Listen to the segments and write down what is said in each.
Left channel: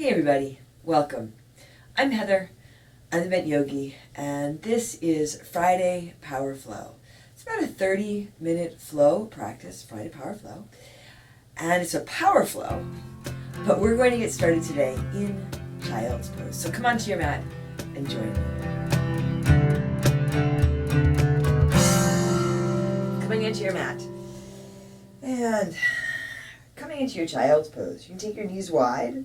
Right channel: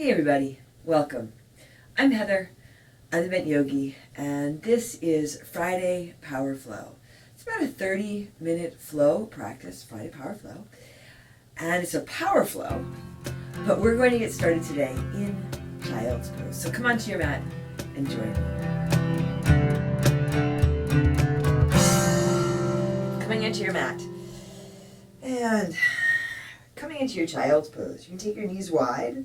Hey everybody, welcome. I'm Heather, I'm the Bent Yogi, and this is Friday Power Flow. It's about a 30-minute flow practice, Friday Power Flow, and it's a power flow, but we're going to get started today in Child's Pose. So come onto your mat and join me. Coming into your mat, and coming into your Child's Pose. You can take your knees wide,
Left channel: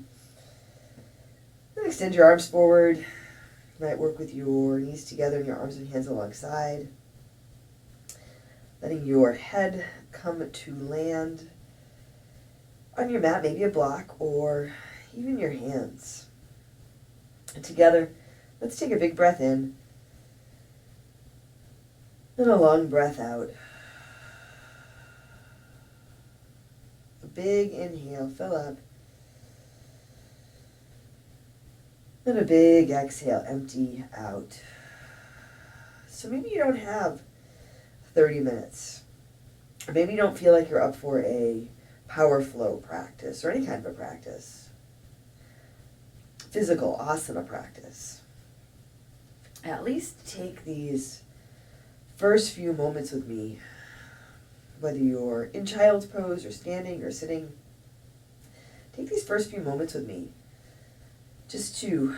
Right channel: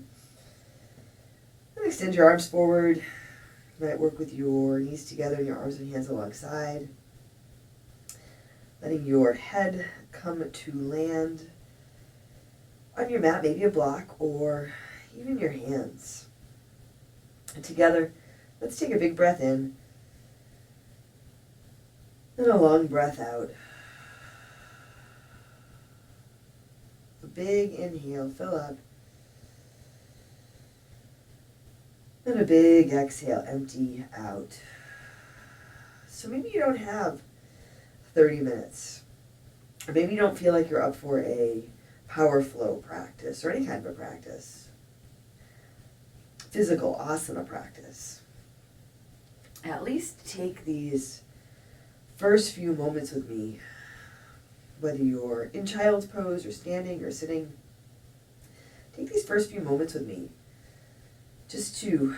and extend your arms forward. You might work with your knees together and your arms and hands alongside. Letting your head come to land on your mat, maybe a block or even your hands. And together, let's take a big breath in and a long breath out. A big inhale, fill up. And a big exhale, empty out. So maybe you don't have 30 minutes. Or maybe you don't feel like you're up for a power flow practice or any kind of a practice. Physical asana practice. At least take these first few moments with me, whether you're in child's pose or standing or sitting. Take these first few moments with me just to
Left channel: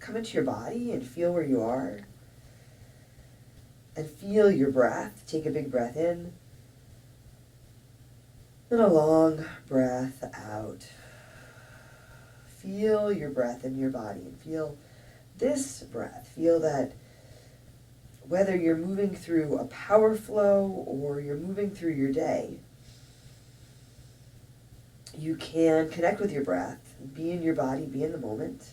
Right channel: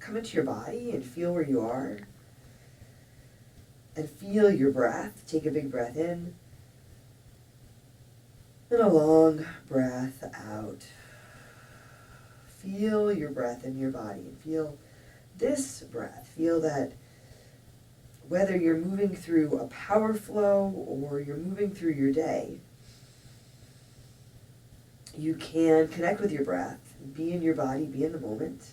come into your body and feel where you are and feel your breath. Take a big breath in and a long breath out. Feel your breath in your body and feel this breath. Feel that whether you're moving through a power flow or you're moving through your day, you can connect with your breath, be in your body, be in the moment.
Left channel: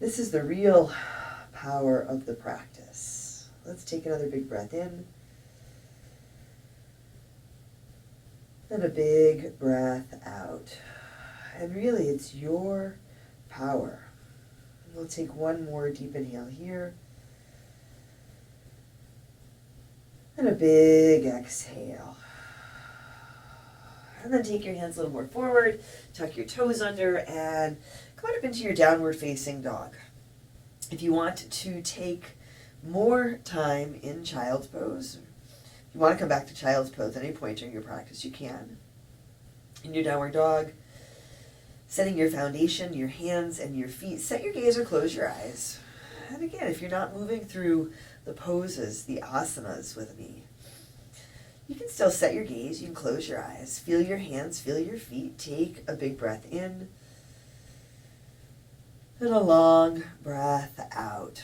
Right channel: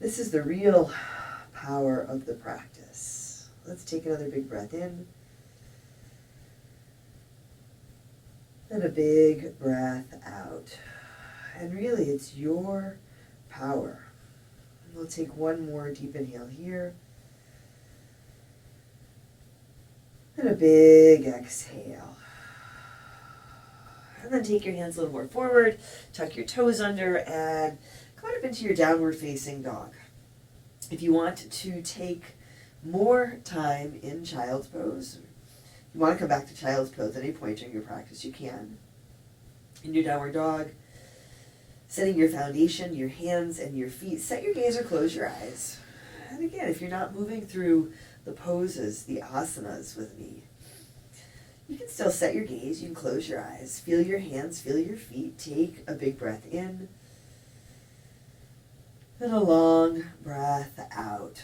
This is the real power of the practice. Let's take another big breath in. And a big breath out. And really, it's your power. We'll take one more deep inhale here. And a big exhale. And then take your hands a little more forward, tuck your toes under, and come up into your downward facing dog. If you want to take more time in child's pose, if you want to come back to child's pose at any point during your practice, you can. In your downward dog, setting your foundation, your hands and your feet, set your gaze or close your eyes. And again, if you're not moving through the poses, the asanas with me, you can still set your gaze, you can close your eyes, feel your hands, feel your feet, take a big breath in, and a long breath out.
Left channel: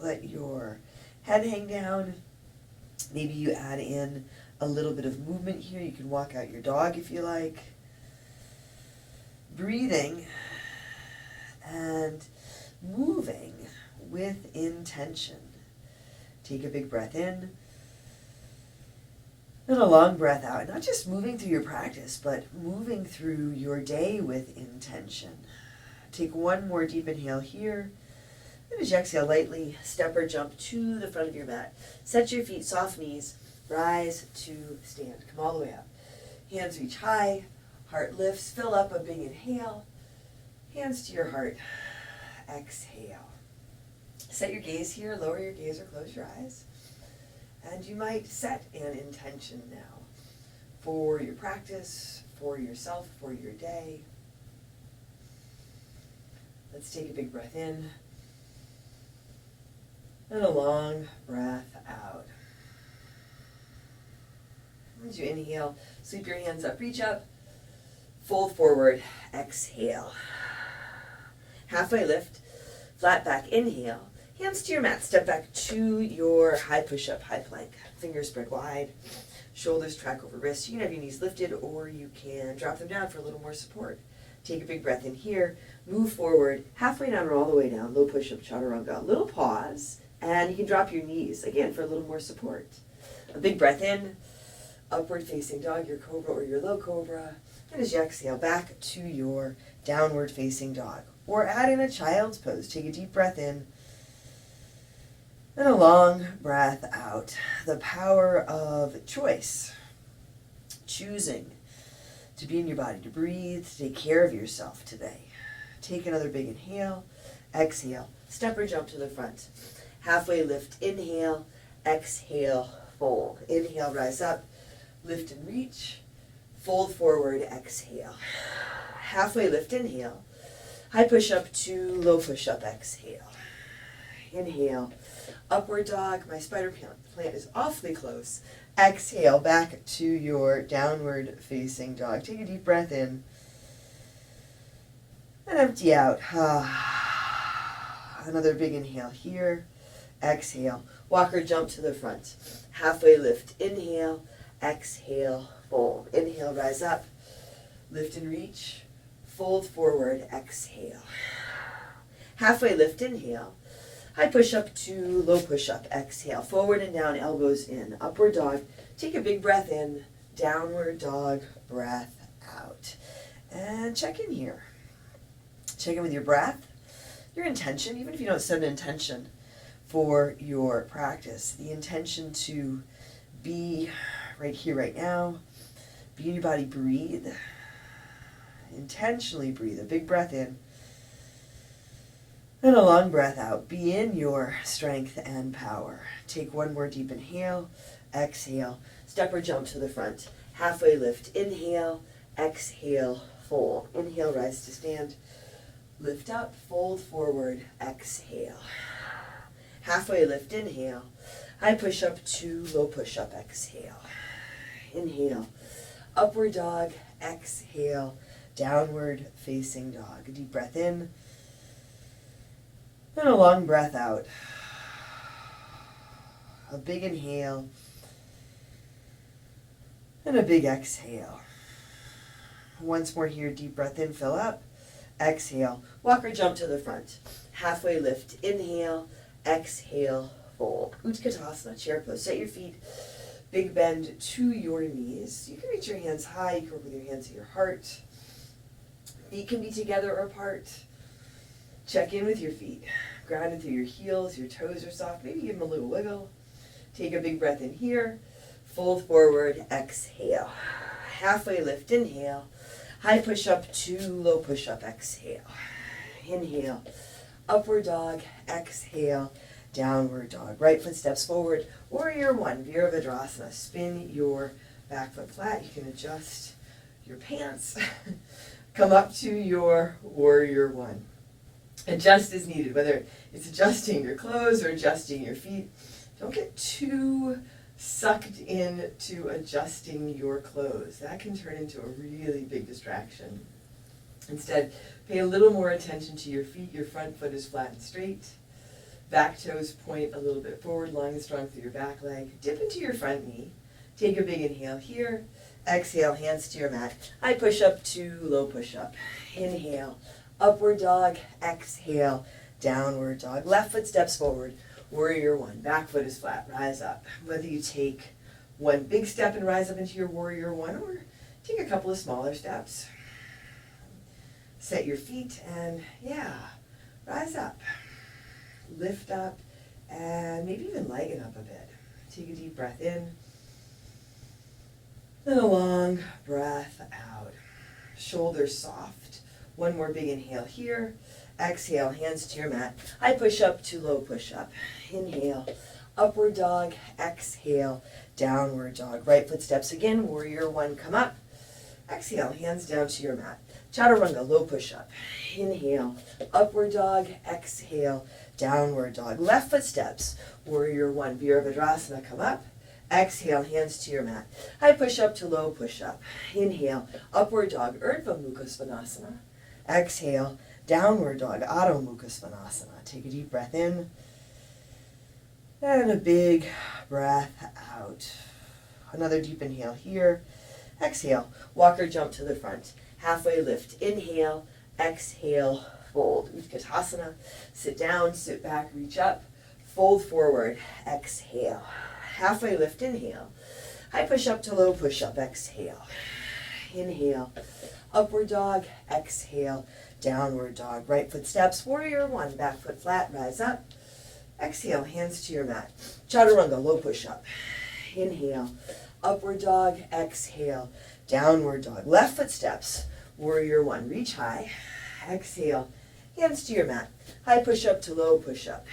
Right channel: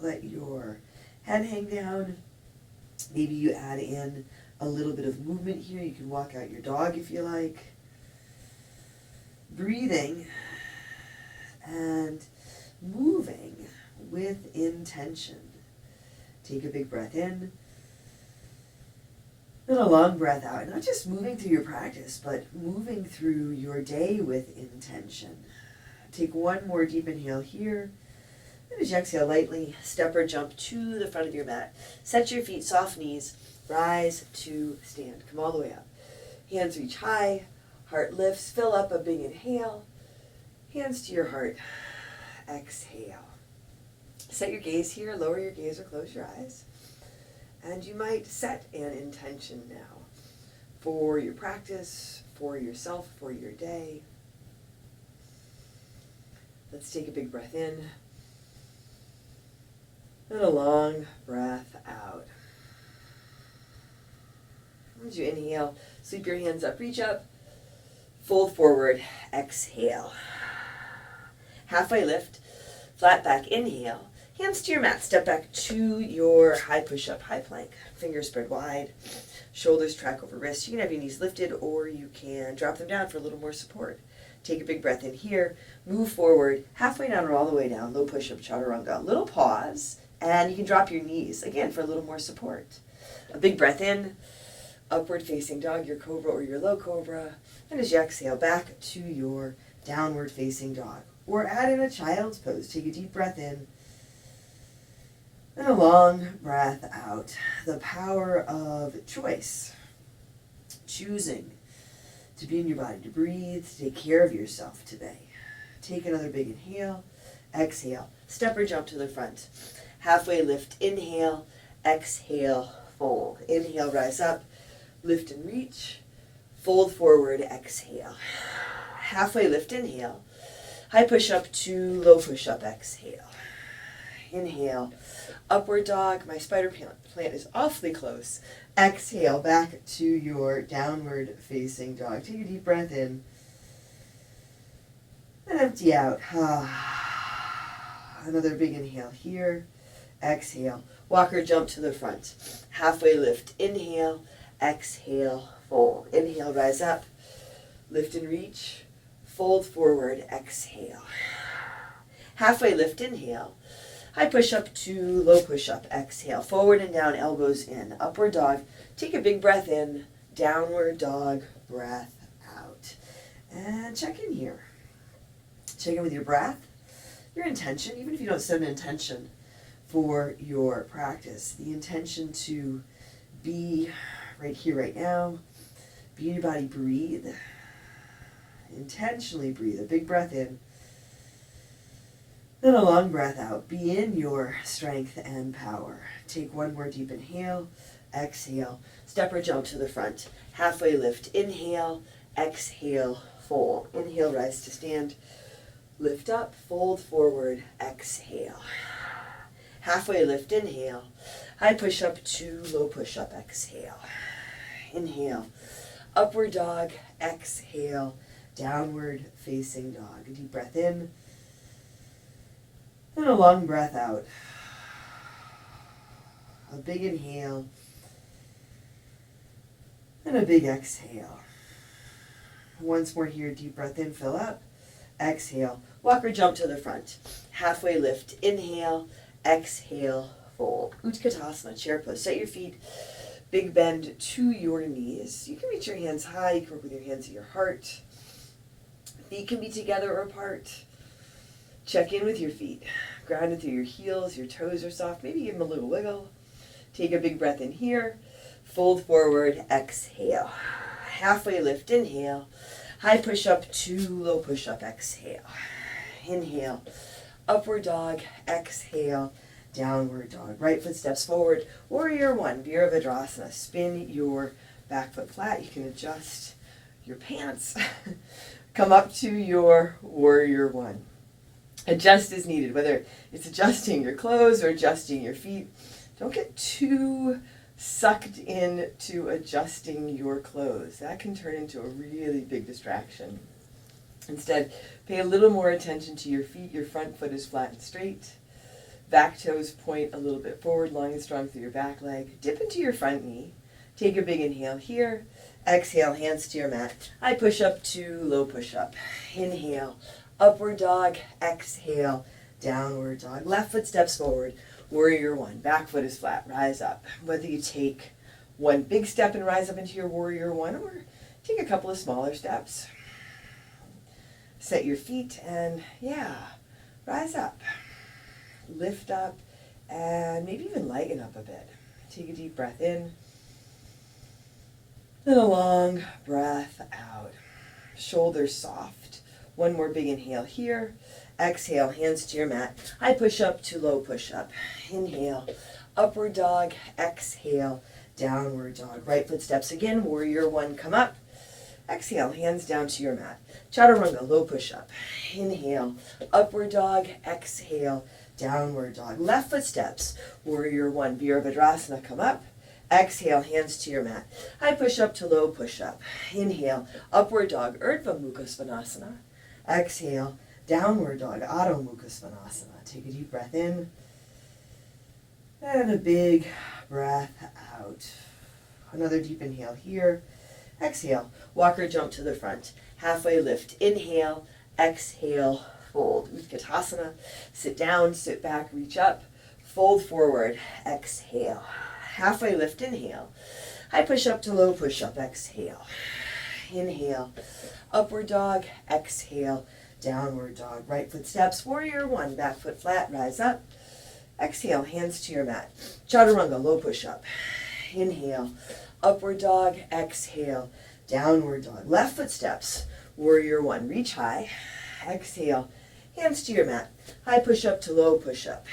Let your head hang down. Maybe you add in a little bit of movement here. You can walk out your dog if you like. Breathing and moving with intention. Take a big breath in. And a long breath out. Not just moving through your practice, but moving through your day with intention. Take one more deep inhale here. And as you exhale, lightly step or jump to the front of your mat. Set your feet, soft knees, rise to stand. Come all the way up. Hands reach high, heart lifts, fill up a big inhale. Hands to your heart. Exhale. Set your gaze here, lower your gaze or close your eyes. And you might set an intention now for your practice, for yourself, for your day. Let's take a big breath in and a long breath out. As you inhale, sweep your hands up, reach up, fold forward, exhale. Halfway lift, flat back, inhale. Hands to your mat, step back to your high push-up, high plank. Fingers spread wide, shoulders track over wrists. You can have your knees lifted or you can drop them down for a little more support. Take a big breath in here, move forward, halfway down or all the way down, low push-up, chaturanga. Little pause, and you can drop your knees, again, for a little more support. A big breath in, upward facing dog, your cobra or your low cobra. And as you exhale, back to your downward facing dog. Or add in a child's pose. Take a deep breath in, and a long breath out. The power of choice. Choosing to be in your body, to breathe, to take care of yourself today. Take another big inhale, exhale, step or jump to the front. Halfway lift, inhale, exhale, fold. Inhale, rise up, lift and reach, fold forward, exhale. Halfway lift, inhale, high push up to low push up, exhale. Inhale, upward dog, my spider plant is awfully close. Exhale, back to your downward facing dog. Take a deep breath in and empty out. Another big inhale here. Exhale, walk or jump to the front. Halfway lift, inhale, exhale, fold. Inhale, rise up, lift and reach, fold forward, exhale. Halfway lift, inhale, high push up to low push up, exhale. Forward and down, elbows in, upward dog. Take a big breath in, downward dog, breath out. And check in here. Check in with your breath, your intention, even if you don't set an intention for your practice. The intention to be right here, right now. Be in your body, breathe. Intentionally breathe. A big breath in and a long breath out. Be in your strength and power. Take one more deep inhale, exhale, step or jump to the front. Halfway lift, inhale, exhale, fold. Inhale, rise to stand. Lift up, fold forward, exhale. Halfway lift, inhale. High push up to low push up, exhale. Inhale, upward dog, exhale, downward facing dog. A deep breath in and a long breath out. A big inhale and a big exhale. Once more here, deep breath in, fill up. Exhale, walk or jump to the front. Halfway lift, inhale, exhale, fold. Utkatasana, chair pose. Set your feet, big bend to your knees. You can reach your hands high, you can work with your hands at your heart. Feet can be together or apart. Check in with your feet. Grounded through your heels, your toes are soft. Maybe give them a little wiggle. Take a big breath in here. Fold forward, exhale. Halfway lift, inhale. High push up to low push up, exhale. Inhale, upward dog, exhale, downward dog. Right foot steps forward, warrior one, Virabhadrasana. Spin your back foot flat. You can adjust your pants. Come up to your warrior one. Adjust as needed, whether it's adjusting your clothes or adjusting your feet. Don't get too sucked into adjusting your clothes. That can turn into a really big distraction. Instead, pay a little more attention to your feet. Your front foot is flat and straight. Back toes point a little bit forward, long and strong through your back leg. Dip into your front knee. Take a big inhale here. Exhale, hands to your mat. High push up to low push up. Inhale, upward dog. Exhale, downward dog. Left foot steps forward. Warrior one. Back foot is flat. Rise up. Whether you take one big step and rise up into your warrior one, or take a couple of smaller steps. Set your feet and rise up. Lift up and maybe even lighten up a bit. Take a deep breath in. Then a long breath out. Shoulders soft. One more big inhale here. Exhale, hands to your mat. High push up to low push up. Inhale, upward dog. Exhale, downward dog. Right foot steps again. Warrior one, come up. Exhale, hands down to your mat. Chaturanga, low push up. Inhale, upward dog. Exhale, downward dog. Left foot steps. Warrior one, Virabhadrasana, come up. Exhale, hands to your mat. High push up to low push up. Inhale, upward dog, Urdhva Mukha Svanasana. Exhale, downward dog, Adho Mukha Svanasana. Take a deep breath in and a big breath out. Another deep inhale here. Exhale, walk or jump to the front. Halfway lift, inhale, exhale, fold. Utkatasana, sit down, sit back, reach up, fold forward, exhale. Halfway lift, inhale. High push up to low push up, exhale. Inhale, upward dog, exhale, downward dog. Right foot steps, warrior one, back foot flat, rise up. Exhale, hands to your mat. Chaturanga, low push up. Inhale, upward dog, exhale, downward dog. Left foot steps, warrior one. Reach high, exhale, hands to your mat. High push-up to low push-up.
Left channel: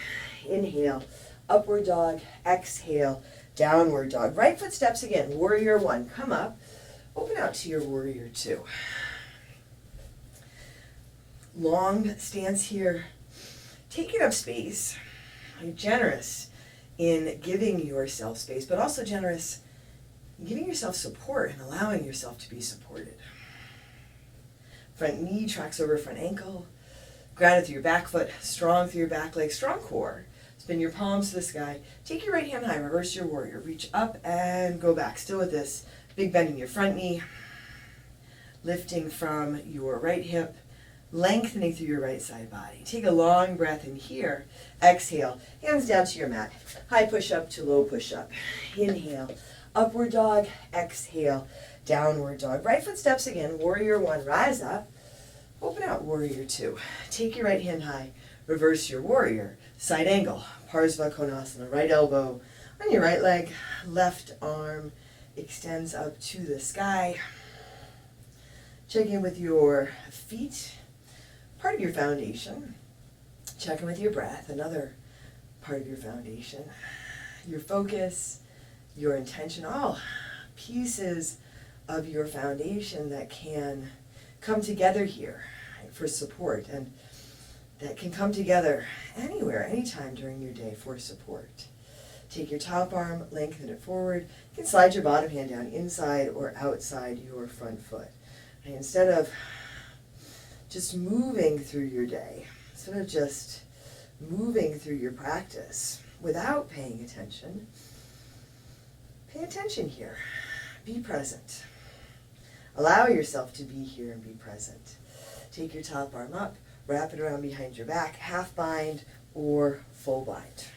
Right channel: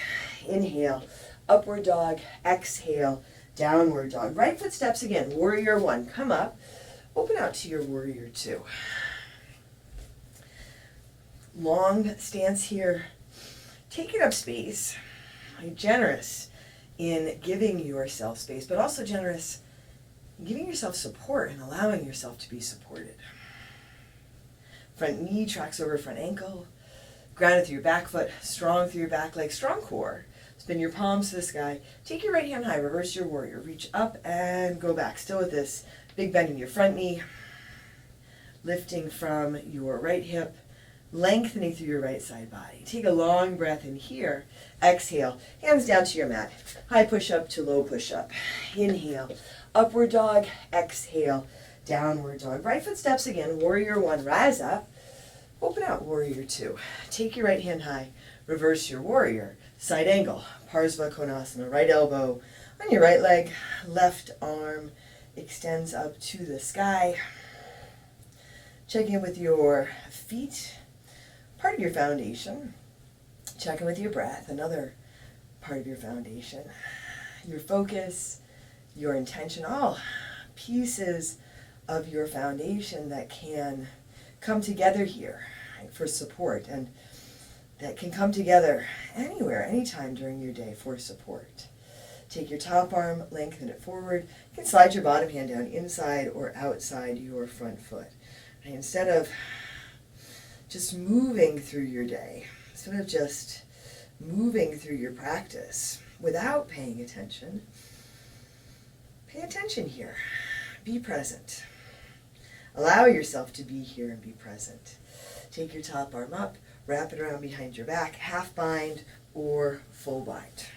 Inhale, upward dog, exhale, downward dog. Right foot steps again, warrior one. Come up, open out to your warrior two. Long stance here. Take it up space. You're generous in giving yourself space, but also generous in giving yourself support and allowing yourself to be supported. Front knee tracks over front ankle. Grounded through your back foot, strong through your back leg, strong core. Spin your palms to the sky. Take your right hand high, reverse your warrior. Reach up and go back. Still with this big bend in your front knee. Lifting from your right hip, lengthening through your right side body. Take a long breath in here. Exhale, hands down to your mat. High push up to low push up. Inhale, upward dog. Exhale, downward dog. Right foot steps again. Warrior one, rise up. Open out, warrior two. Take your right hand high. Reverse your warrior. Side angle, Parsva Konasana. Right elbow on your right leg. Left arm extends up to the sky. Check in with your feet. Part of your foundation. Check in with your breath, another part of your foundation. Your focus, your intention, all pieces of your foundation that can come together here, right, for support, and that can come together anywhere, anytime during your day for support. Take your top arm, lengthen it forward. You can slide your bottom hand down inside or outside your front foot. Right, instead of just moving through your day, instead of just moving through your practice without paying attention, pay attention here. Be present. Allow yourself to be here and be present. Take your top arm up, wrap it around behind your back, half bind or full bind.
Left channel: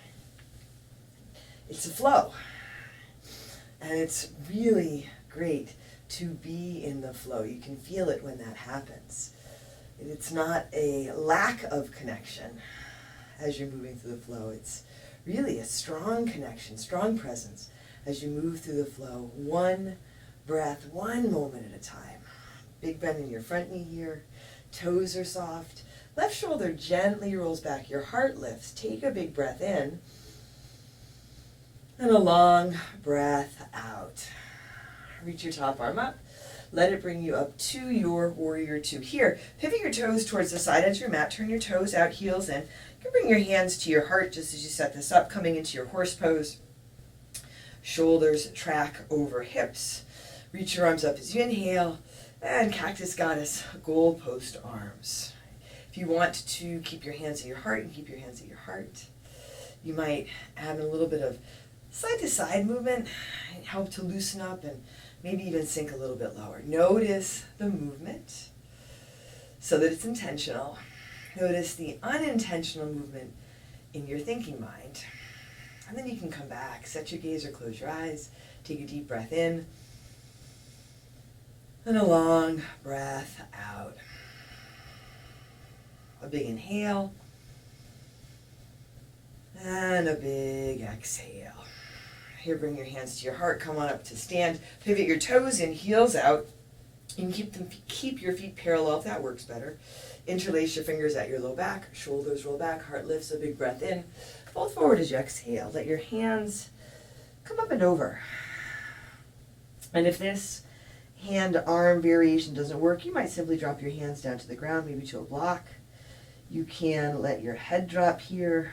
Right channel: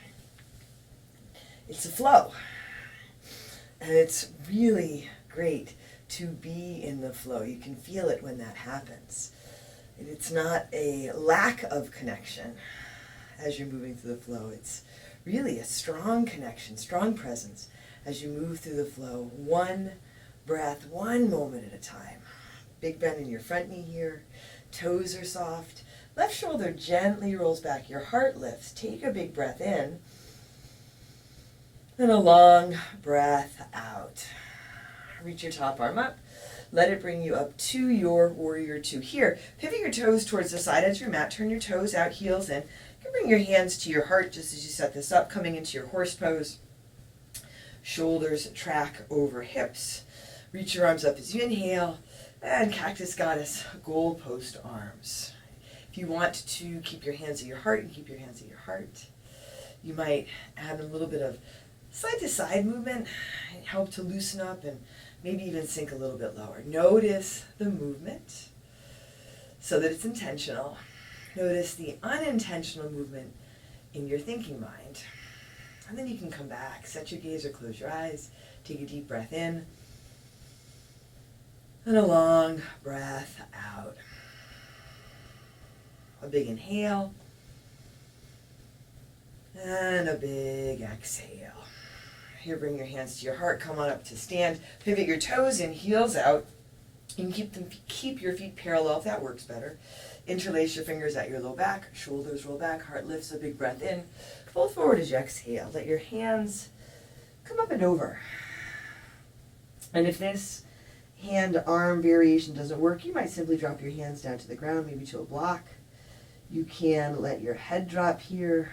It's a flow, and it's really great to be in the flow. You can feel it when that happens. It's not a lack of connection as you're moving through the flow. It's really a strong connection, strong presence as you move through the flow. One breath, one moment at a time. Big bend in your front knee here. Toes are soft. Left shoulder gently rolls back. Your heart lifts. Take a big breath in. And a long breath out. Reach your top arm up. Let it bring you up to your warrior two. Here, pivot your toes towards the side edge of your mat. Turn your toes out, heels in. You can bring your hands to your heart just as you set this up, coming into your horse pose. Shoulders track over hips. Reach your arms up as you inhale. And cactus goddess, goalpost arms. If you want to keep your hands at your heart, and keep your hands at your heart. You might add a little bit of side to side movement and help to loosen up and maybe even sink a little bit lower. Notice the movement so that it's intentional. Notice the unintentional movement in your thinking mind. And then you can come back, set your gaze or close your eyes, take a deep breath in, and a long breath out. A big inhale, and a big exhale. Here, bring your hands to your heart, come on up to stand, pivot your toes in, heels out. You can keep your feet parallel if that works better. Interlace your fingers at your low back, shoulders roll back, heart lifts, a big breath in. Fold forward as you exhale. Let your hands come up and over. And if this hand-arm variation doesn't work, you might simply drop your hands down to the ground, maybe to a block. You can let your head drop here.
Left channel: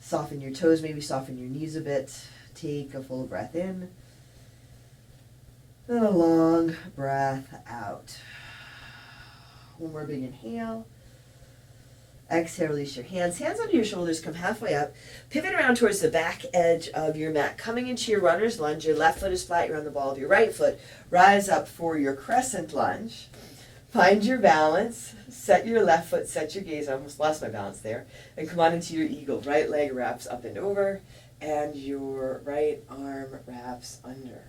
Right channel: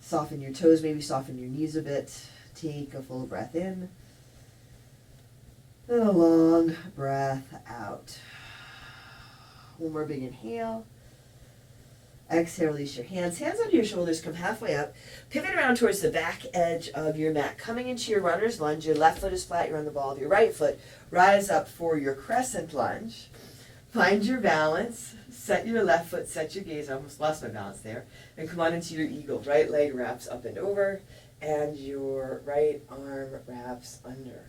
Soften your toes, maybe soften your knees a bit. Take a full breath in. And a long breath out. One more big inhale. Exhale, release your hands. Hands under your shoulders, come halfway up. Pivot around towards the back edge of your mat. Coming into your runner's lunge, your left foot is flat, you're on the ball of your right foot. Rise up for your crescent lunge. Find your balance. Set your left foot, set your gaze. I almost lost my balance there. And come on into your eagle. Right leg wraps up and over, and your right arm wraps under.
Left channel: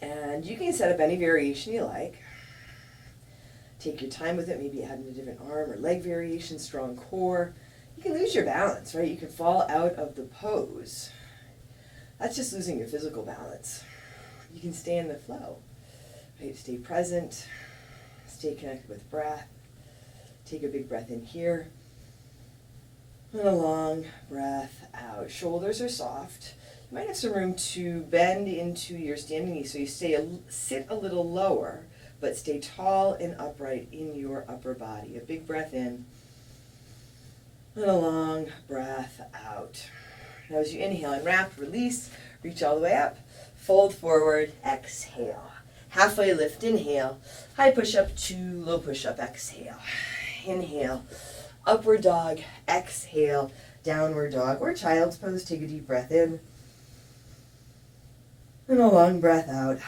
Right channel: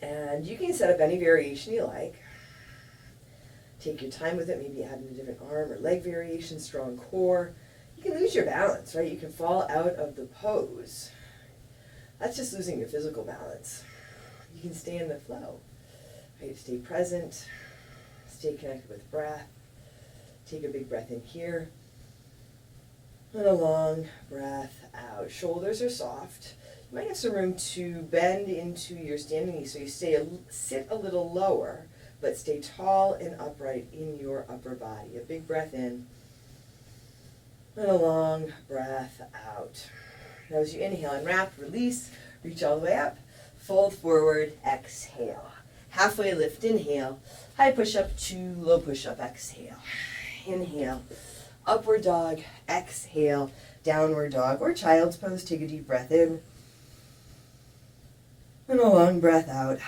And you can set up any variation you like. Take your time with it, maybe add in a different arm or leg variation, strong core. You can lose your balance, right? You can fall out of the pose. That's just losing your physical balance. You can stay in the flow. Right? Stay present. Stay connected with breath. Take a big breath in here. And a long breath out. Shoulders are soft. You might have some room to bend into your standing knee so you sit a little lower, but stay tall and upright in your upper body. A big breath in. And a long breath out. Now as you inhale, unwrap, release, reach all the way up, fold forward, exhale. Halfway lift, inhale, high push-up to low push-up, exhale. Inhale, upward dog, exhale, downward dog, or child's pose. Take a deep breath in, and a long breath out.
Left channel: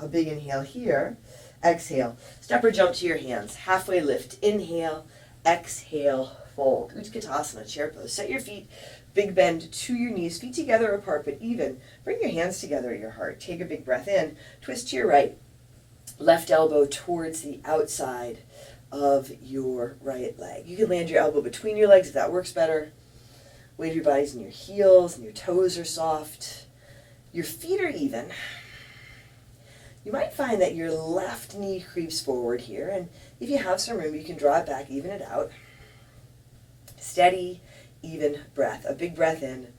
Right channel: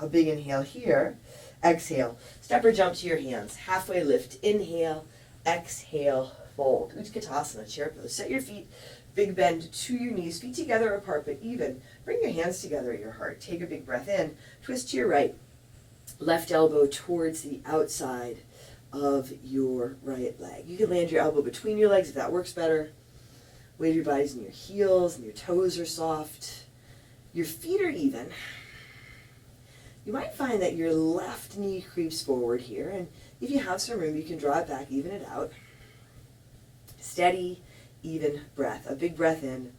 A big inhale here, exhale. Step or jump to your hands, halfway lift, inhale, exhale, fold. Utkatasana, chair pose. Set your feet, big bend to your knees, feet together apart but even. Bring your hands together at your heart. Take a big breath in, twist to your right, left elbow towards the outside of your right leg. You can land your elbow between your legs if that works better. Weight of your body's in your heels and your toes are soft. Your feet are even. You might find that your left knee creeps forward here, and if you have some room, you can draw it back, even it out. Steady, even breath. A big breath in,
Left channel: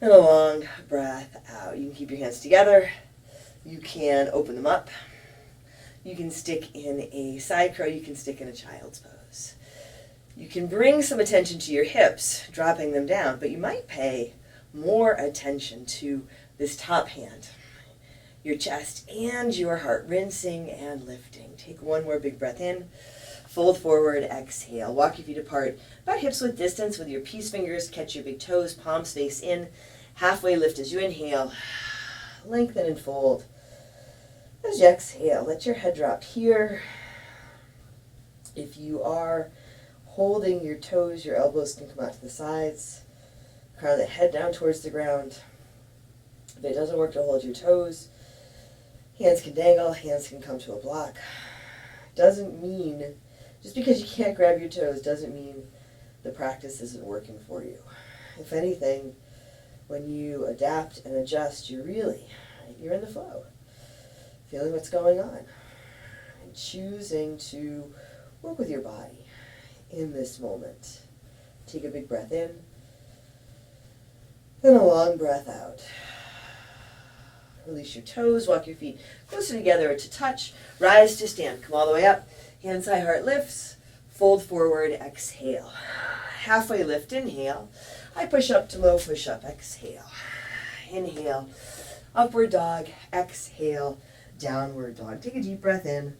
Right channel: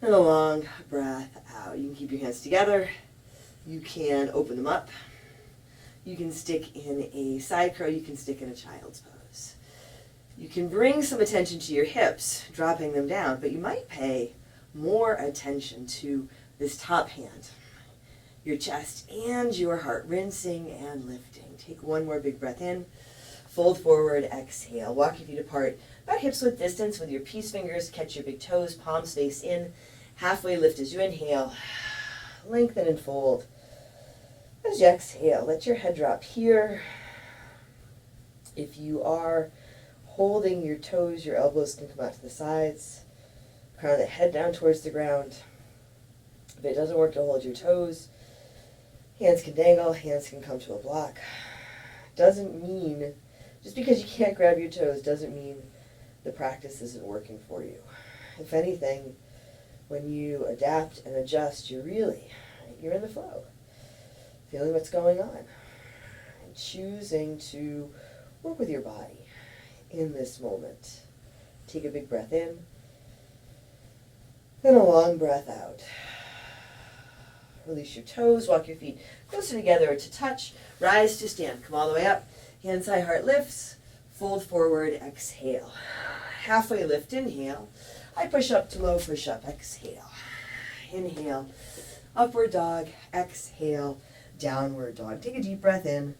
and a long breath out. You can keep your hands together. You can open them up. You can stick in a side crow. You can stick in a child's pose. You can bring some attention to your hips, dropping them down, but you might pay more attention to this top hand, your chest and your heart, rinsing and lifting. Take one more big breath in, fold forward, exhale. Walk your feet apart, about hips width distance with your peace fingers. Catch your big toes, palms face in. Halfway lift as you inhale, lengthen and fold. As you exhale, let your head drop here. If you are holding your toes, your elbows can come out to the sides. Crown of the head down towards the ground. If it doesn't work to hold your toes, hands can dangle, hands can come to a block. Doesn't mean, just because you can't grab your toes doesn't mean the practice isn't working for you. If anything, when you adapt and adjust, you're in the flow. Feeling what's going on. And choosing to work with your body in this moment. Take a big breath in. Then a long breath out. Release your toes, walk your feet closer together to touch, rise to stand. Come all the way up, hands high, heart lifts, fold forward, exhale. Halfway lift, inhale, high push up to low push up, exhale. Inhale, upward dog, exhale, downward dog. Take a deep breath in,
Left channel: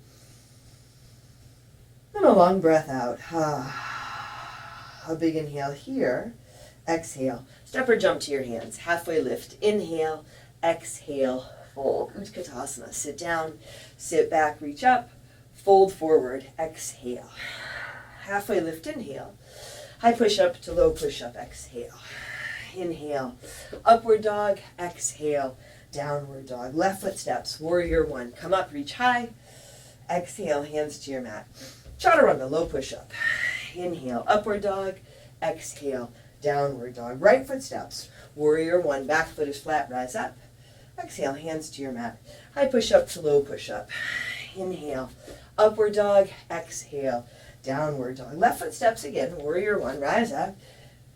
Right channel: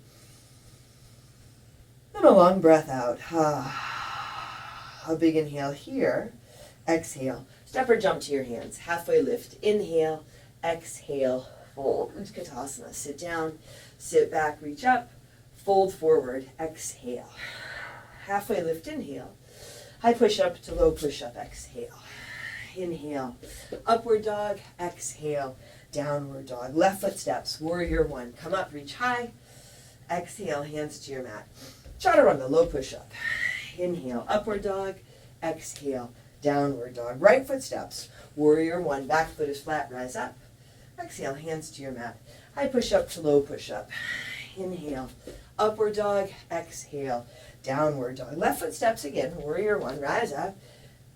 and a long breath out. A big inhale here, exhale. Step or jump to your hands, halfway lift, inhale, exhale, fold. Utkatasana, sit down, sit back, reach up, fold forward, exhale. Halfway lift, inhale, high push up to low push up, exhale. Inhale, upward dog, exhale, downward dog. Left foot steps, warrior one. Come up, reach high, exhale, hands to your mat. Chaturanga, low push up. Inhale, upward dog, exhale, downward dog. Right foot steps, warrior one. Back foot is flat, rise up. Exhale, hands to your mat. High push up to low push up. Inhale, upward dog, exhale, downward dog. Left foot steps again, warrior one, rise up.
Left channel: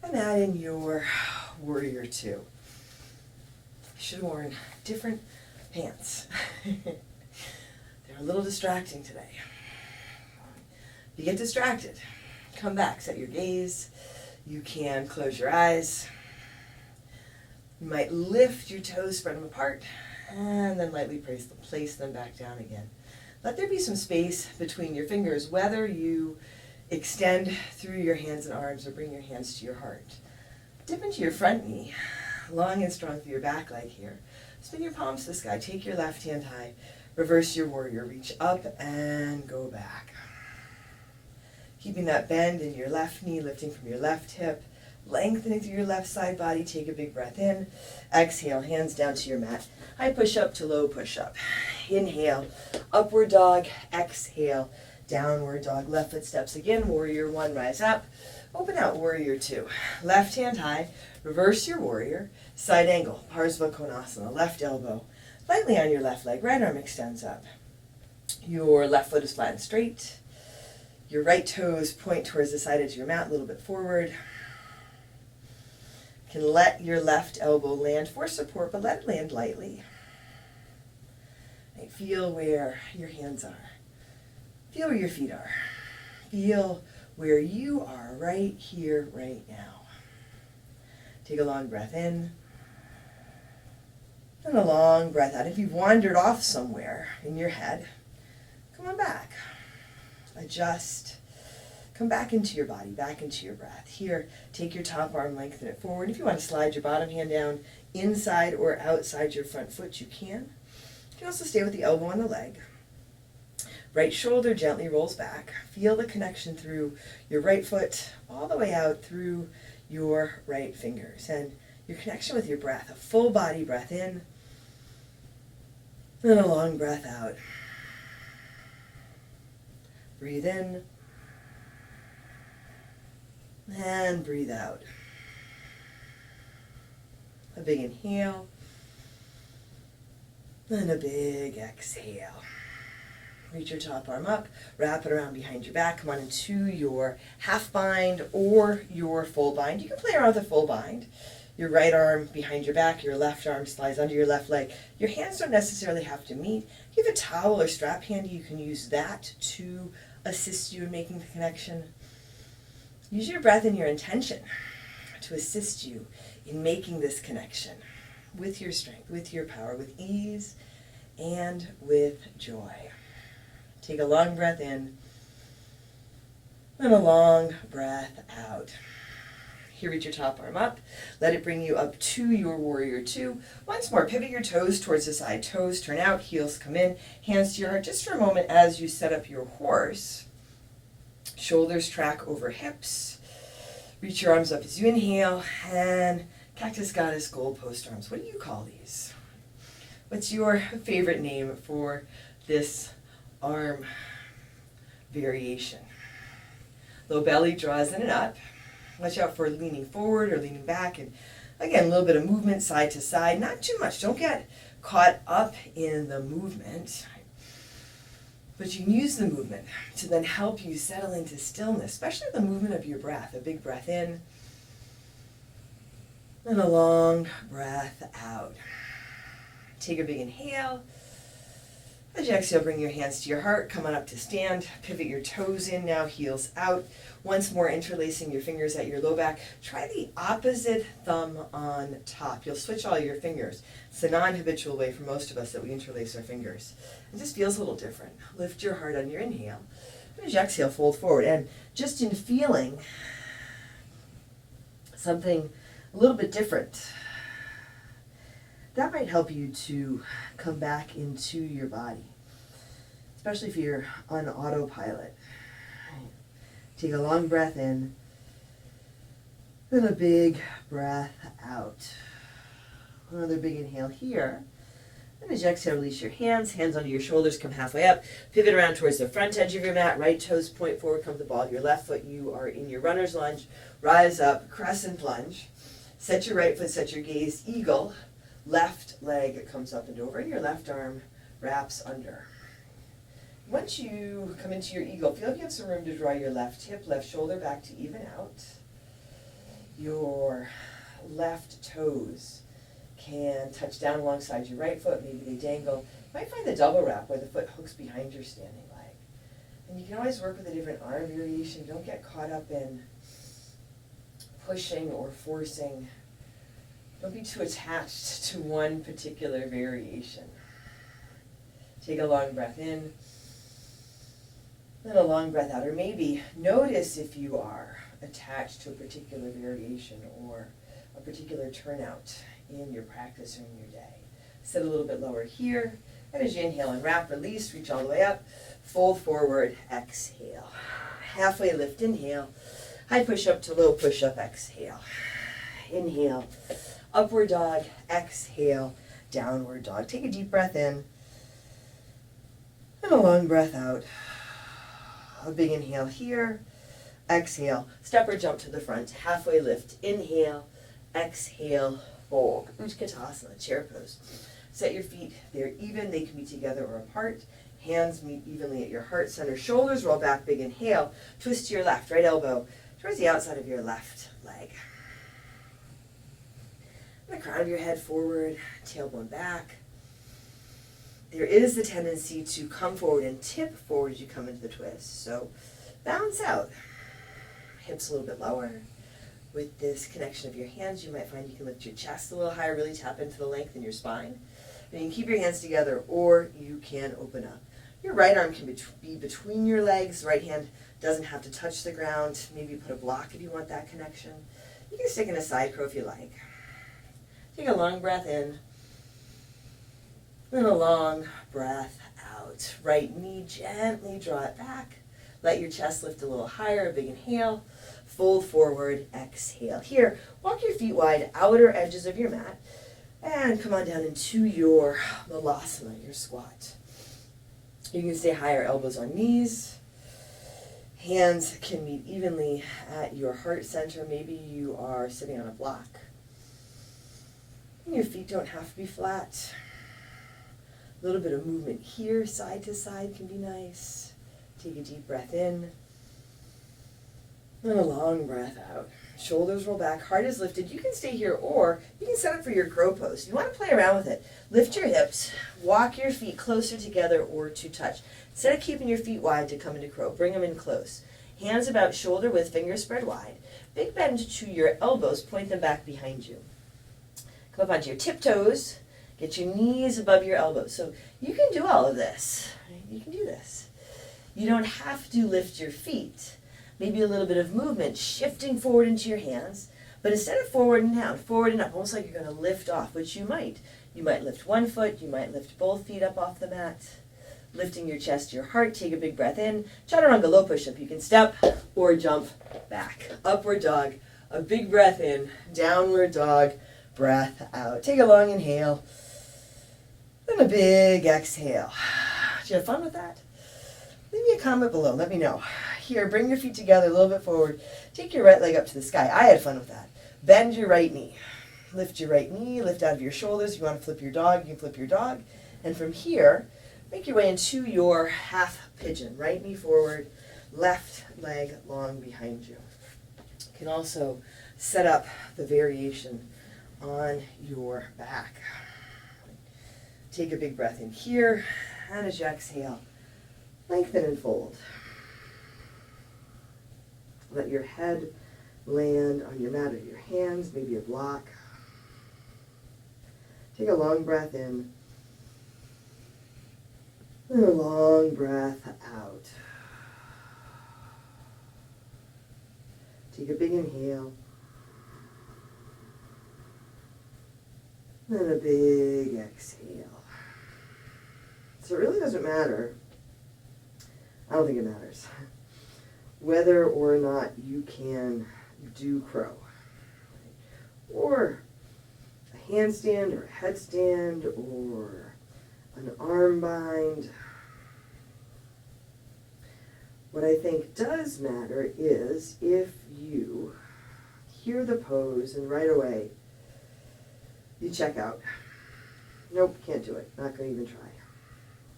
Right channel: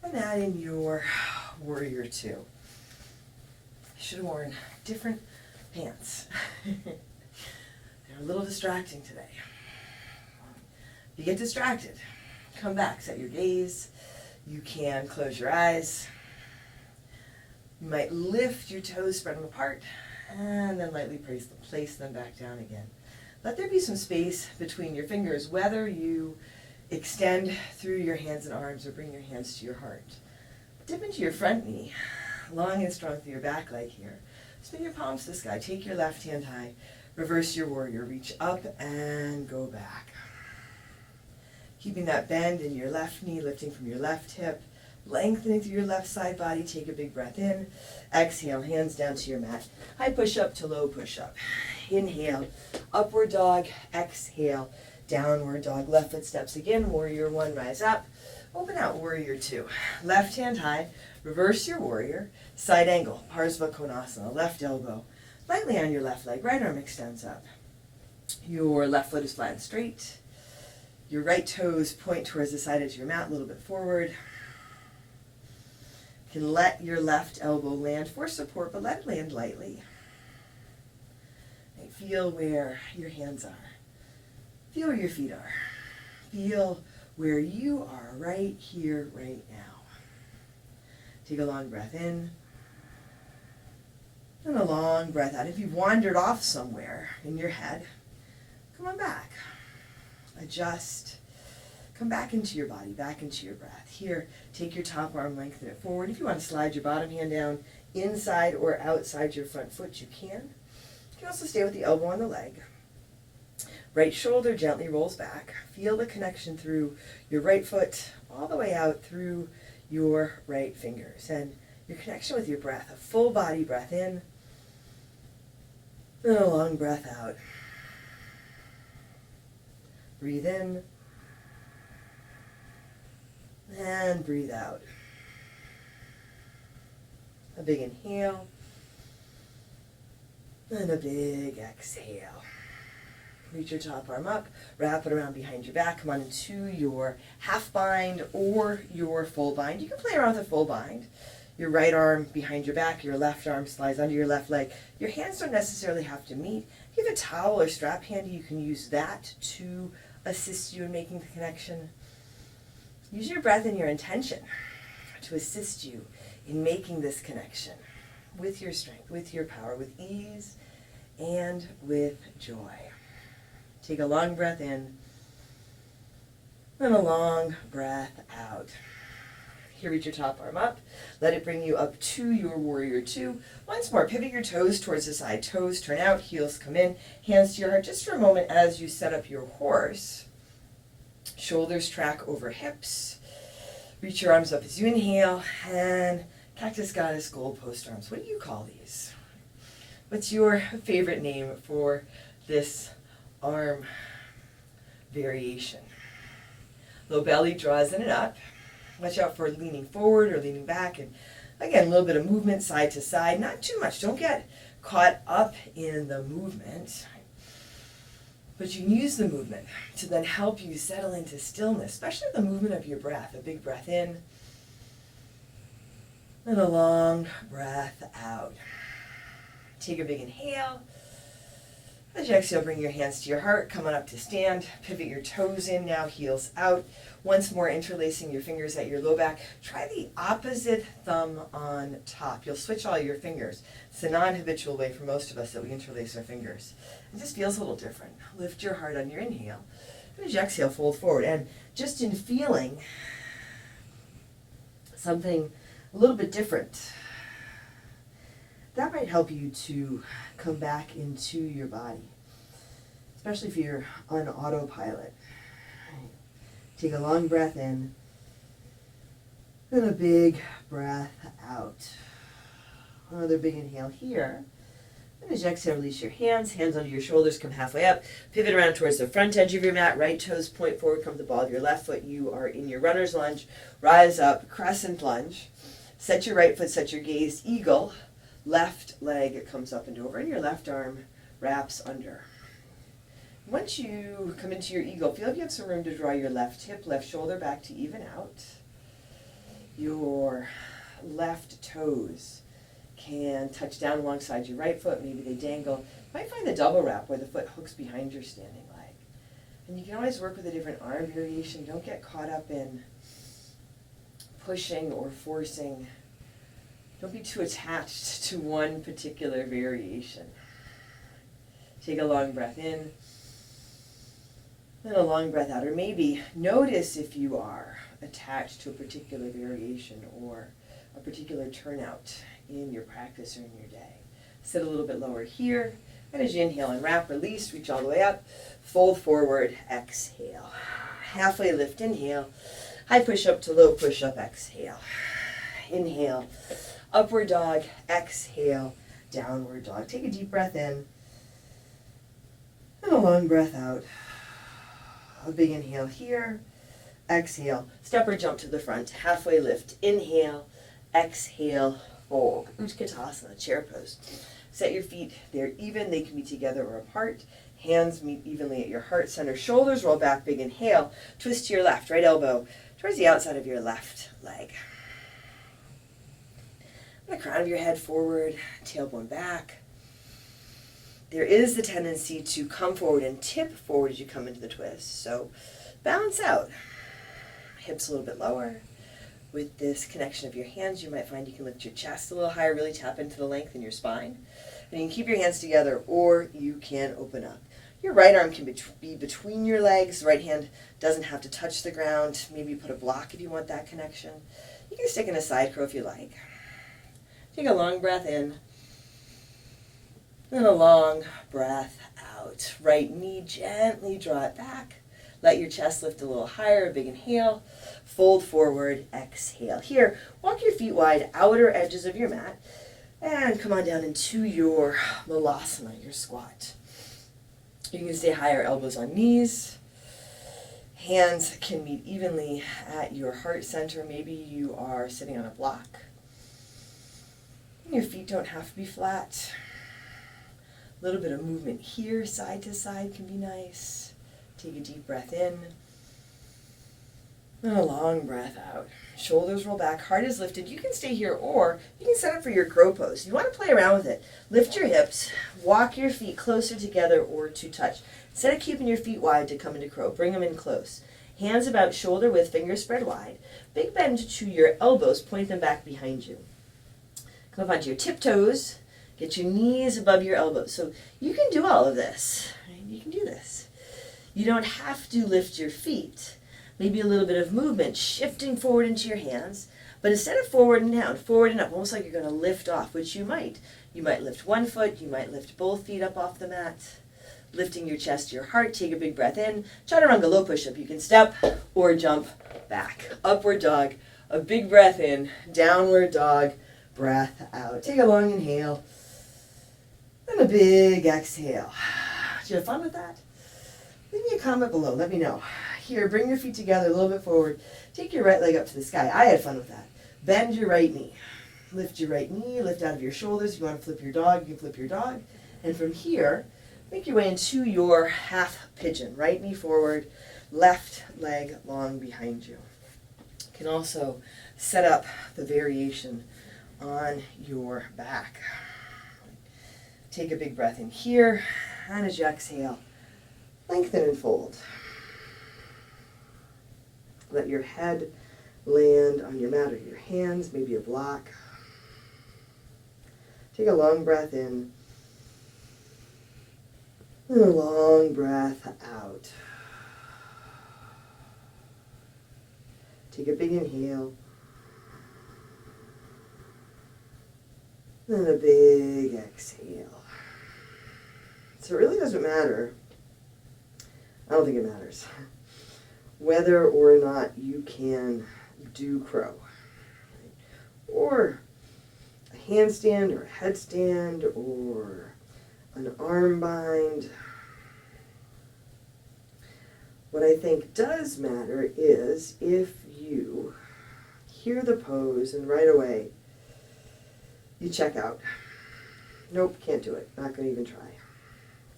And add in your warrior two. I should have worn different pants. They're a little distracting today. If you get distracted, come back, set your gaze. You can close your eyes. You might lift your toes, spread them apart, and then lightly place them back down again. Let there be some space between your fingers, whether you extend through your hands and arms or bring your hands to your heart. Dip into your front knee, long and strong through your back leg here. Spin your palms to the sky. Take your left hand high. Reverse your warrior. Reach up and go back. Keeping that bend in your left knee, lifting from your left hip, lengthening through your left side body. Take a big breath in. Exhale, hands down to your mat. High push up to low push up. Inhale, upward dog. Exhale, downward dog. Left foot steps again. Warrior one, rise up. Open out, warrior two. Left hand high. Reverse your warrior. Side angle, Parsva Konasana, left elbow lightly on your left leg, right arm extends up. Your left foot is flat and straight. Your right toes point towards the side edge of your mat, a little bit forward. You can let your left elbow land for support, but let it land lightly. Right, feel where your hands are. Feel where your feet are. Feel where you are right here, right now. Take a long breath in and a long breath out. If you've wandered off somewhere in your head, come on back. Adjust. Come back into your body, back into your breath. Here, take your top arm, lengthen it forward. If you want to slide your bottom hand down inside or outside your front foot, you can. You can also stay with the elbow on the leg. Right shoulder gently rolls back. Feel the connection through your right foot all the way out through your right fingers. And your connection with your breath, a full body breath in, and a long breath out. Breathe in, and breathe out. A big inhale, and a big exhale. Reach your top arm up, wrap it around behind your back, come on into your half bind or your full bind. You can play around with a full bind. Your right arm behind your back, your left arm slides under your left leg. Your hands don't necessarily have to meet. If you have a towel or strap handy, you can use that to assist you in making the connection. Use your breath and your intention to assist you in making this connection with your strength, with your power, with ease, and with joy. Take a long breath in and a long breath out. Here, reach your top arm up. Let it bring you up to your warrior two. Once more, pivot your toes towards the side. Toes turn out, heels come in, hands to your heart just for a moment as you set up your horse. Shoulders track over hips. Reach your arms up as you inhale, and cactus goddess goalpost arms. What do you call these? What's your favorite name for this arm variation? Low belly draws in and up. Watch out for leaning forward or leaning back. And again, a little bit of movement side to side. Not too much. Don't get caught up in the movement. But you can use the movement to then help you settle into stillness, especially the movement of your breath. A big breath in and a long breath out. Take a big inhale. As you exhale, bring your hands to your heart. Come on up to stand. Pivot your toes in now, heels out. Once more, interlacing your fingers at your low back. Try the opposite thumb on top. You'll switch all your fingers. It's a non-habitual way for most of us that we interlace our fingers. It just feels a little different. Lift your heart on your inhale. And as you exhale, fold forward. And just in feeling something a little bit different, that might help you to come back into your body, especially if you're on autopilot. Take a long breath in and a big breath out. Another big inhale here. And as you exhale, release your hands under your shoulders, come halfway up. Pivot around towards the front edge of your mat. Right toes point forward, come to the ball of your left foot. You are in your runner's lunge. Rise up, crescent lunge. Set your right foot, set your gaze, eagle. Left leg comes up and over, and your left arm wraps under. Once you come into your eagle, feel like you have some room to draw your left hip, left shoulder back to even out. Your left toes can touch down alongside your right foot, maybe they dangle. You might find the double wrap where the foot hooks behind your standing leg. And you can always work with a different arm variation. Don't get caught up in pushing or forcing. Don't be too attached to one particular variation. Take a long breath in, and a long breath out. Or maybe notice if you are attached to a particular variation or a particular turnout in your practice or in your day. Sit a little bit lower here, and as you inhale and wrap, release, reach all the way up, fold forward, exhale. Halfway lift, inhale, high push-up to low push-up, exhale. Inhale. Upward dog, exhale, downward dog. Take a deep breath in and a long breath out. A big inhale here, exhale. Step or jump to the front, halfway lift, inhale, exhale, hold. Utkatasana, chair pose. Set your feet there even. They can be together or apart. Hands meet evenly at your heart center. Shoulders roll back, big inhale. Twist to your left, right elbow towards the outside of your left leg. The crown of your head forward, tailbone back. There is the tendency to come forward and tip forward as you come into the twist. So balance out. Hips a little bit lower. With this connection of your hands, you might find you can lift your chest a little higher, really tap into the length in your spine. And you can keep your hands together, or you can open up. Your right arm can be between your legs. The right hand doesn't have to touch the ground. Maybe you put a block if you want that connection. You can stick in a side crow if you like. Take a long breath in. And a long breath out. Right knee, gently draw it back. Let your chest lift a little higher, a big inhale. Fold forward, exhale. Here, walk your feet wide, outer edges of your mat, and come on down into your malasana, your squat. You can stay higher, elbows on knees. Hands can meet evenly at your heart center. Maybe you are sitting on a block. Your feet don't have to be flat. A little bit of movement here, side to side can be nice. Take a deep breath in. And a long breath out. Shoulders roll back, heart is lifted. You can stay here, or you can set up for your crow pose. You want to play around with it. Lift your hips, walk your feet closer together or to touch. Instead of keeping your feet wide to come into crow, bring them in close. Hands about shoulder width, fingers spread wide. Big bend to your elbows, point them back behind you. Come up onto your tiptoes. Get your knees above your elbows. So you can do all of this. Right? You can do this. You don't have to lift your feet. Maybe a little bit of movement, shifting forward into your hands. But instead of forward and down, forward and up, almost like you're going to lift off, which you might. You might lift one foot. You might lift both feet up off the mat. Lifting your chest to your heart. Take a big breath in. Chaturanga low push-up. You can step or jump back. Upward dog. A big breath in. Downward dog. Breath out. Take a long inhale. And a big exhale. Did you have fun with that? Leave me a comment below. Let me know. Here, bring your feet together a little bit forward. Take your right leg up to the sky. I had fun with that. Bend your right knee. Lift your right knee. Lift out of your shoulders. If you want to flip your dog, you can flip your dog. And from here, make your way into your half pigeon. Right knee forward, left leg long behind you. You can also set up the variation on your back. Take a big breath in here, and as you exhale, lengthen and fold. Let your head land on your mat or your hands, maybe a block. Take a long breath in, and a long breath out. Take a big inhale, and a big exhale. So it really doesn't matter. I don't think it matters whether or not you can do crow, or a handstand, or a headstand, or an arm bind. What I think does matter is if you hear the pose and right away you check out. Nope, can't do it. Not going to even try.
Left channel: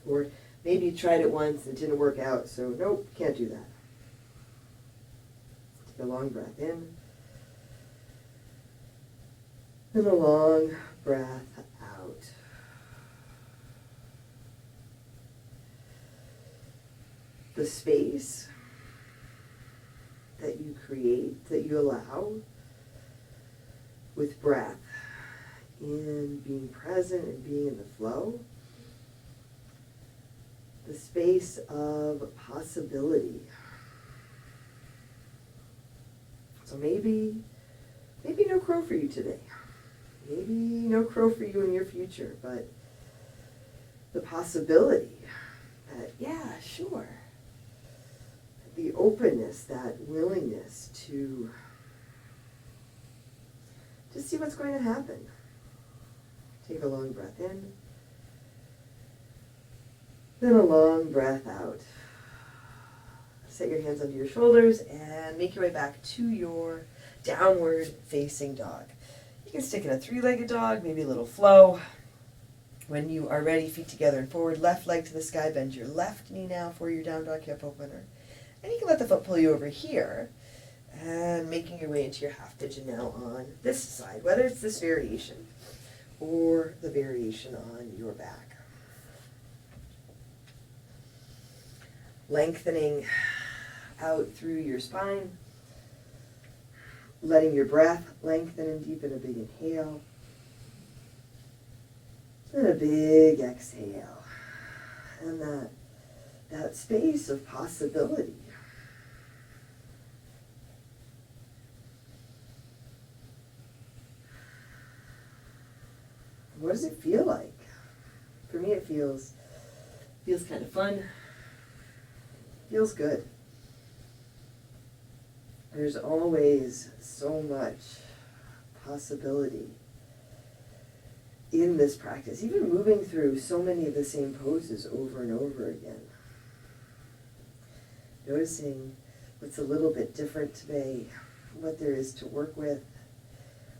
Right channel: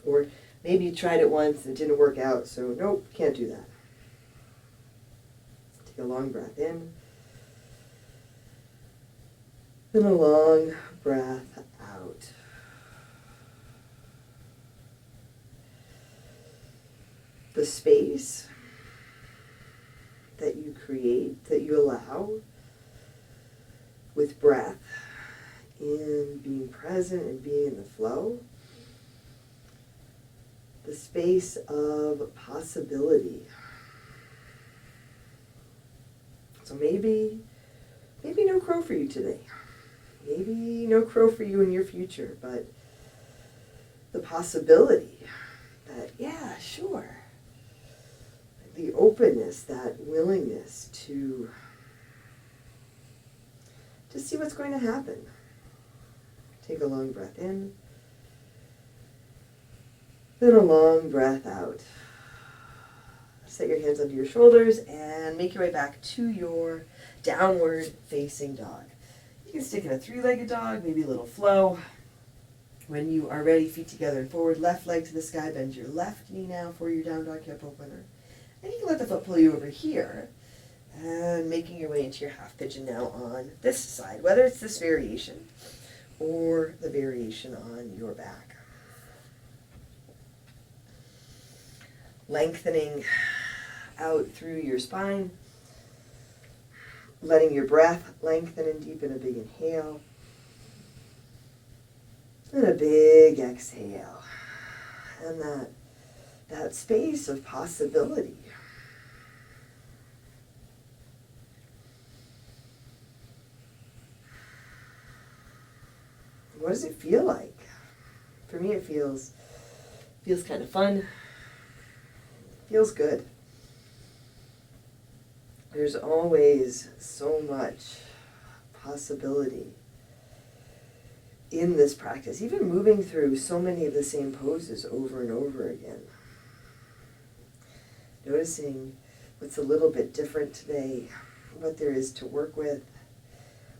Or maybe you tried it once and it didn't work out, so nope, can't do that. Take a long breath in. And a long breath out. The space that you create, that you allow with breath, in being present and being in the flow, the space of possibility. So maybe no crow for you today. Maybe no crow for you in your future, but the possibility that, yeah, sure. The openness, that willingness to see what's going to happen. Take a long breath in, then a long breath out. Set your hands under your shoulders and make your way back to your downward facing dog. You You can stick in a three-legged dog, maybe a little flow. When you are ready, feet together and forward, left leg to the sky, bend your left knee now for your down dog hip opener. And you can let the foot pull you over here, and making your way into your half pigeon now on this side, whether it's this variation or the variation on your back. Lengthening out through your spine, letting your breath lengthen and deepen. A big inhale and a big exhale, and that space of possibility. What does it feel like? For me, it feels kind of fun. Feels good. There's always so much possibility in this practice, even moving through so many of the same poses over and over again. Noticing what's a little bit different today, what there is to work with,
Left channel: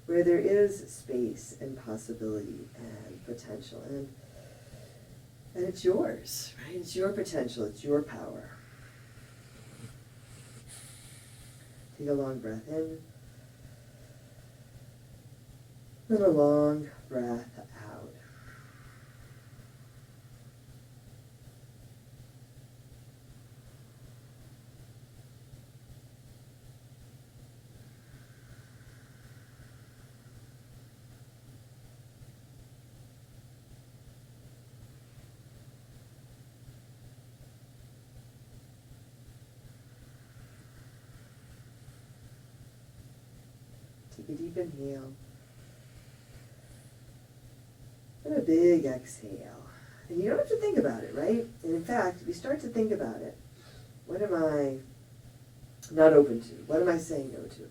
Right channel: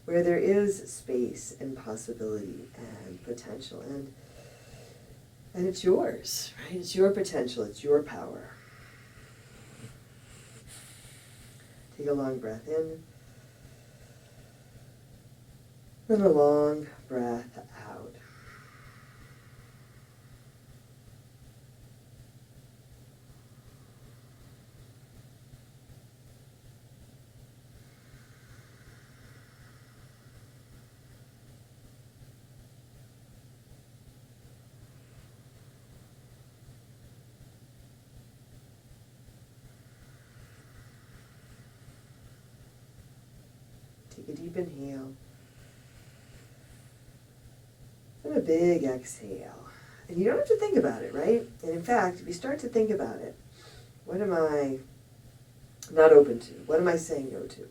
where there is space and possibility and potential. And it's yours, right? It's your potential, it's your power. Take a long breath in, and a long breath out. Take a deep inhale and a big exhale. And you don't have to think about it, right? And in fact, if you start to think about it, what am I not open to? What am I saying no to?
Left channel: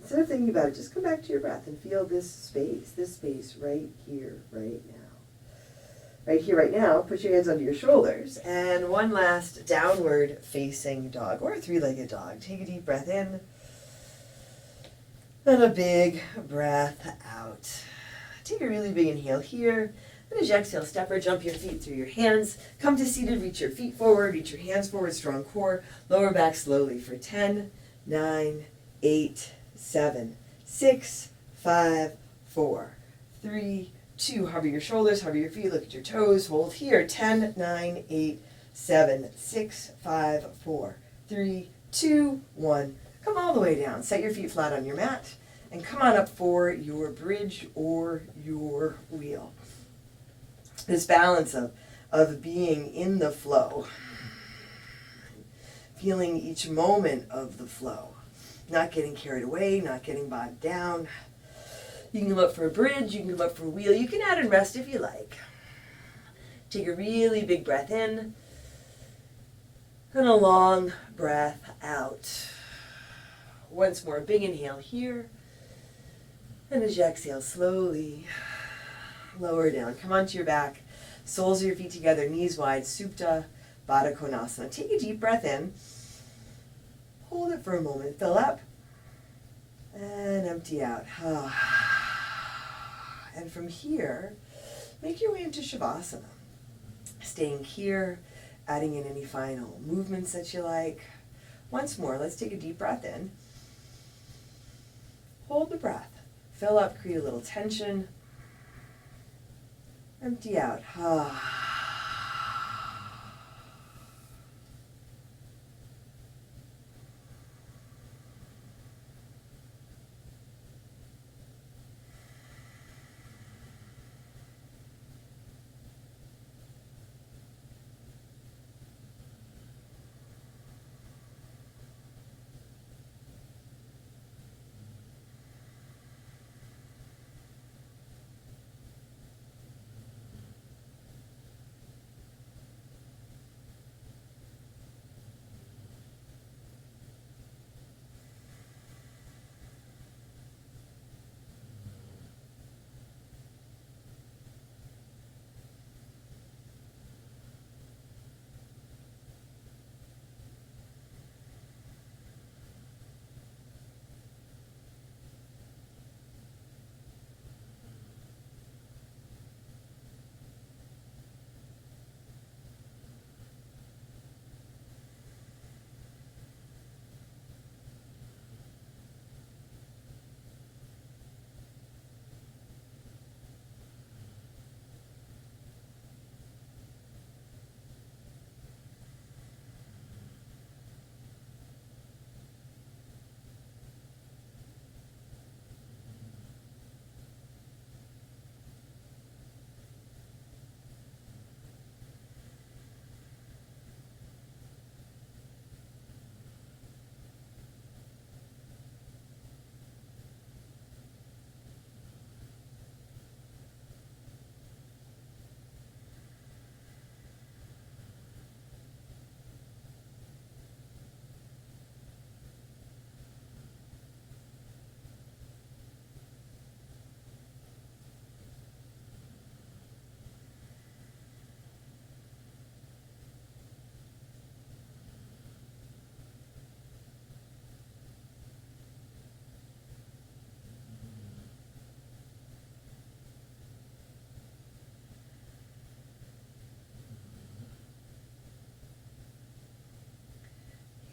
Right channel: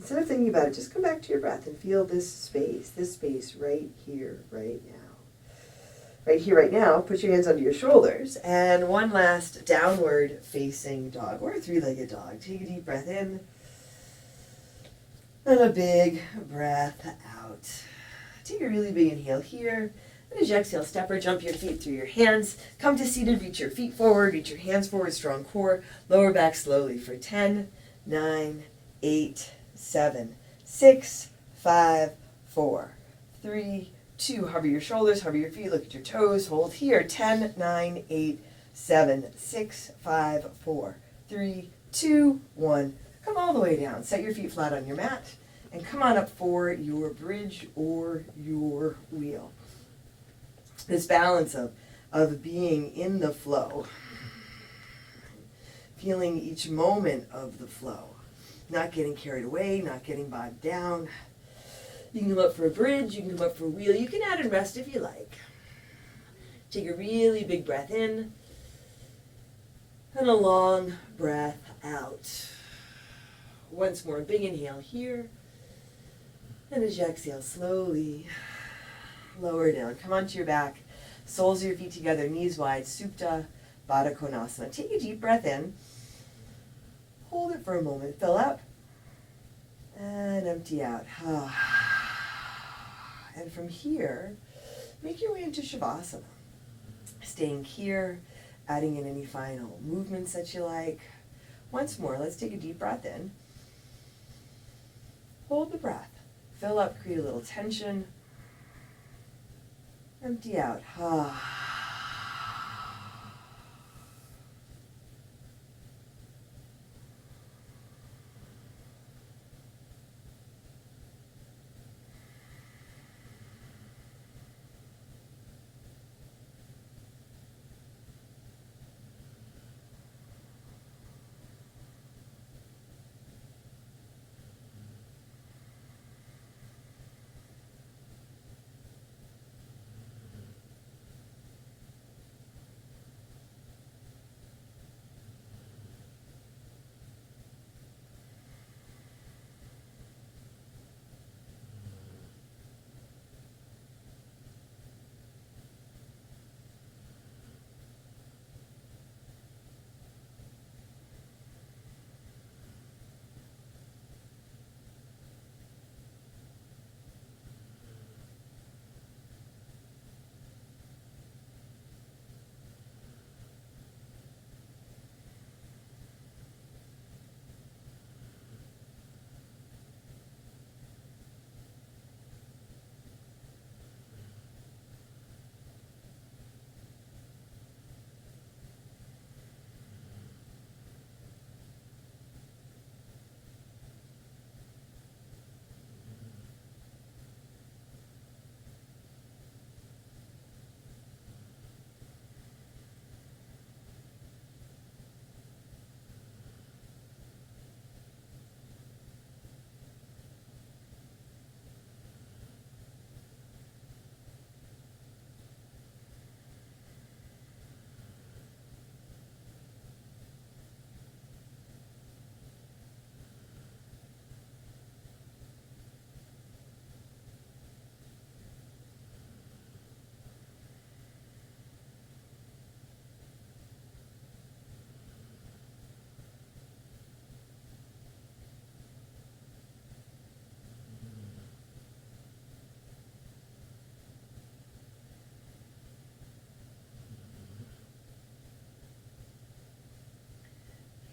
Instead of thinking about it, just come back to your breath and feel this space right here, right now. Right here, right now, put your hands under your shoulders. And one last downward facing dog or a three-legged dog. Take a deep breath in. And a big breath out. Take a really big inhale here. And as you exhale, step or jump your feet through your hands. Come to seated, reach your feet forward, reach your hands forward, strong core. Lower back slowly for 10, 9, 8, 7, 6, 5, 4, 3, 2. Hover your shoulders, hover your feet, look at your toes. Hold here. 10, 9, 8, 7, 6, 5, 4, 3, 2, 1. Come all the way down. Set your feet flat on your mat and come on up for your bridge or your wheel. This balance of being in the flow, feeling each moment of the flow, not getting carried away, not getting bogged down. You can come up for a bridge, you can come up for a wheel. You can add and rest if you like. Take a really big breath in and a long breath out. Once more, big inhale here. And as you exhale, slowly lower down. Come onto your back. Soles of your feet together, knees wide. Supta Baddha Konasana. Take a deep breath in. Hold it for a moment. Fill up. And empty out. And from here, make your way into Shavasana. Staying here, adding in any final movements that you like. Once more, let's take a deep breath in. Hold the breath. Fill up, create a little tension. Empty out.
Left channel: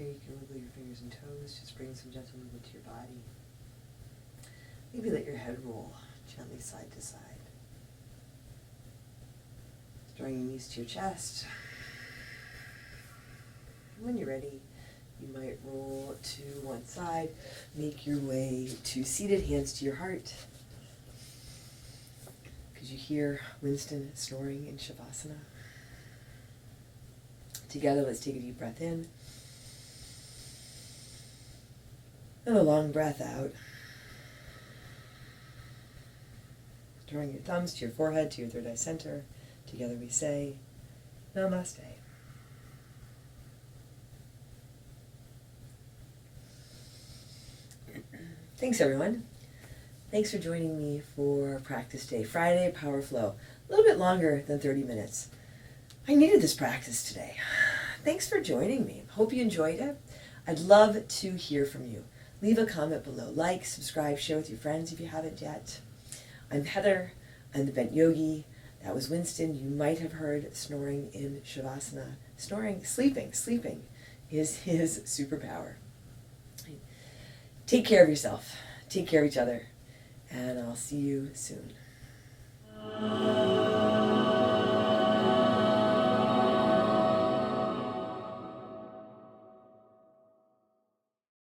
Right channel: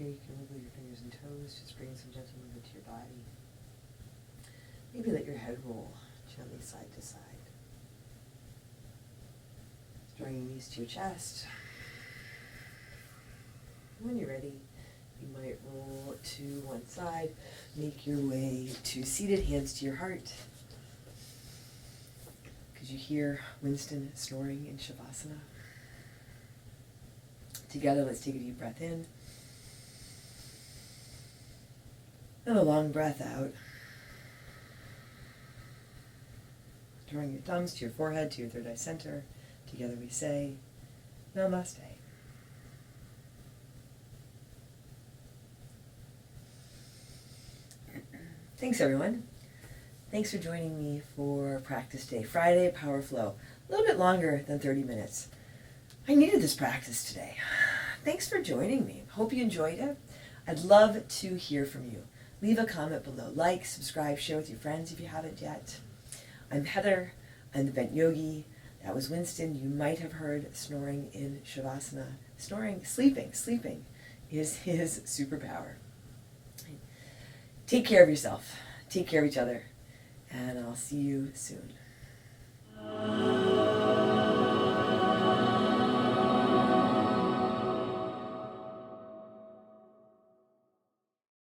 here you can wiggle your fingers and toes, just bring some gentle movement to your body. Maybe let your head roll gently side to side. Drawing your knees to your chest. When you're ready, you might roll to one side, make your way to seated, hands to your heart. Could you hear Winston snoring in Shavasana? Together, let's take a deep breath in. And a long breath out. Drawing your thumbs to your forehead, to your third eye center. Together we say, Namaste. Thanks, everyone. Thanks for joining me for practice day. Friday, Power Flow. A little bit longer than 30 minutes. I needed this practice today. Thanks for joining me. Hope you enjoyed it. I'd love to hear from you. Leave a comment below. Like, subscribe, share with your friends if you haven't yet. I'm Heather. I'm the Bent Yogi. That was Winston. You might have heard snoring in Shavasana. Sleeping is his superpower. Take care of yourself. Take care of each other. And I'll see you soon.